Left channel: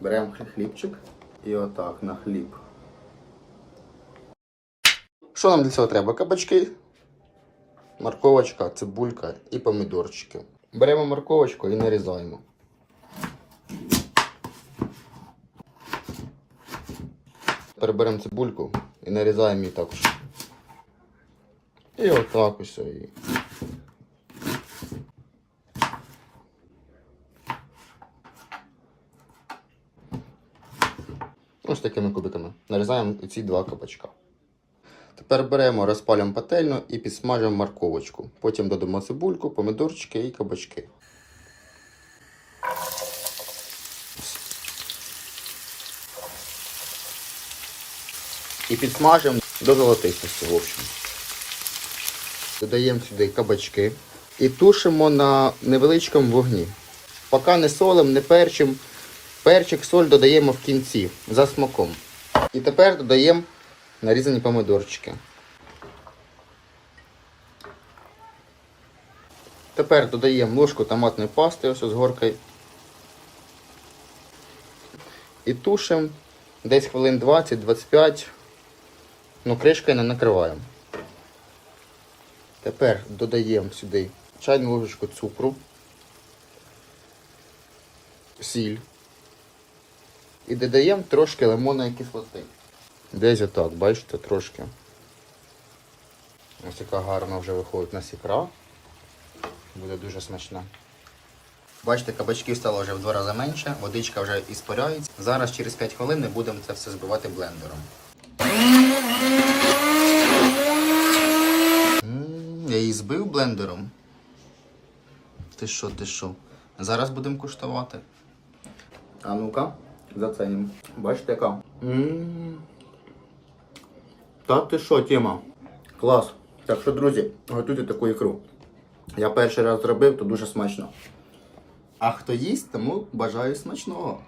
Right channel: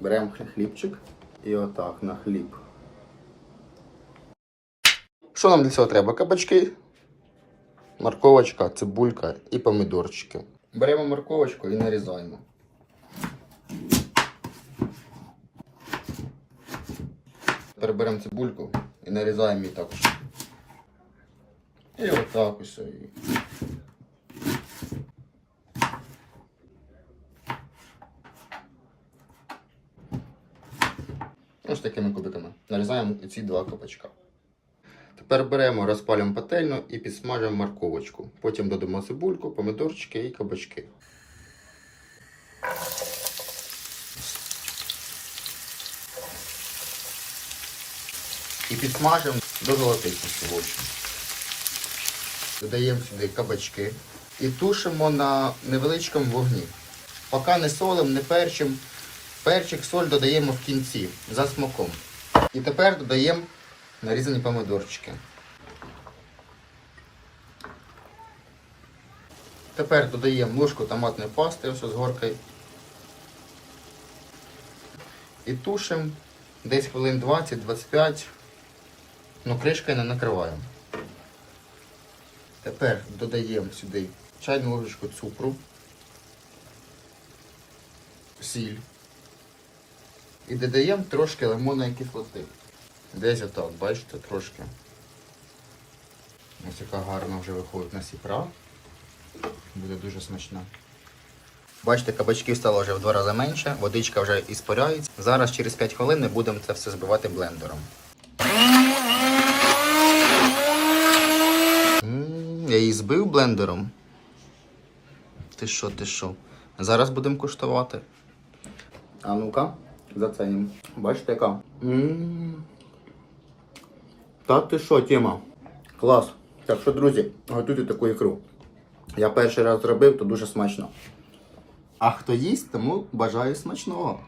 Беремо хлібчик і отак на хліб. Що нам для цього треба? Кабачки, морковочка, цибулька і помідорчики. Беремо морковочку і нарізаємо. Тепер беремо цибульку і нарізаємо її також. І отак ось. Ось такими кубиками. Нарізаємо ці два кабачка. Тепер беремо, розпалюємо пательню і підсмажимо морковочку. Потім додамо цибульку, помідорчики і кабачки. І підсмажимо до золотистості, общем. Додаємо сюди кабачки і тушимо на невеличкому вогні. Поки не солимо, не перчимо. Перчик, соль додаємо в кінці за смаком. І тепер додаємо нарізані помидорчики. Тепер додаємо ложку томатної пасти ось з горкою. І тушимо десь хвилин 20-25. Ну, кришкою не накриваємо. Тепер додаємо сюди чайну ложечку цукру, сіль. І додаємо трошки лимонної кислоти. Десь отак, бачите, трошки. Ось яка гарно вже виходить на ікра. Буде дуже смачна. Бачите, кабачків стало вже в два рази менше, водичка вже іспаряється. Зараз через 5 хвилин ми будемо це все збивати блендером. Я її збив блендером. Ти що, ти що? Зараз будемо куштувати. А ну-ка, заценимо. Бачите, яка? Та ти що, тема? Клас. Так що, друзі, готуйте таку ікру. Я перший раз зробив, то дуже смачно. А хто їсть, тому бажаю смачного.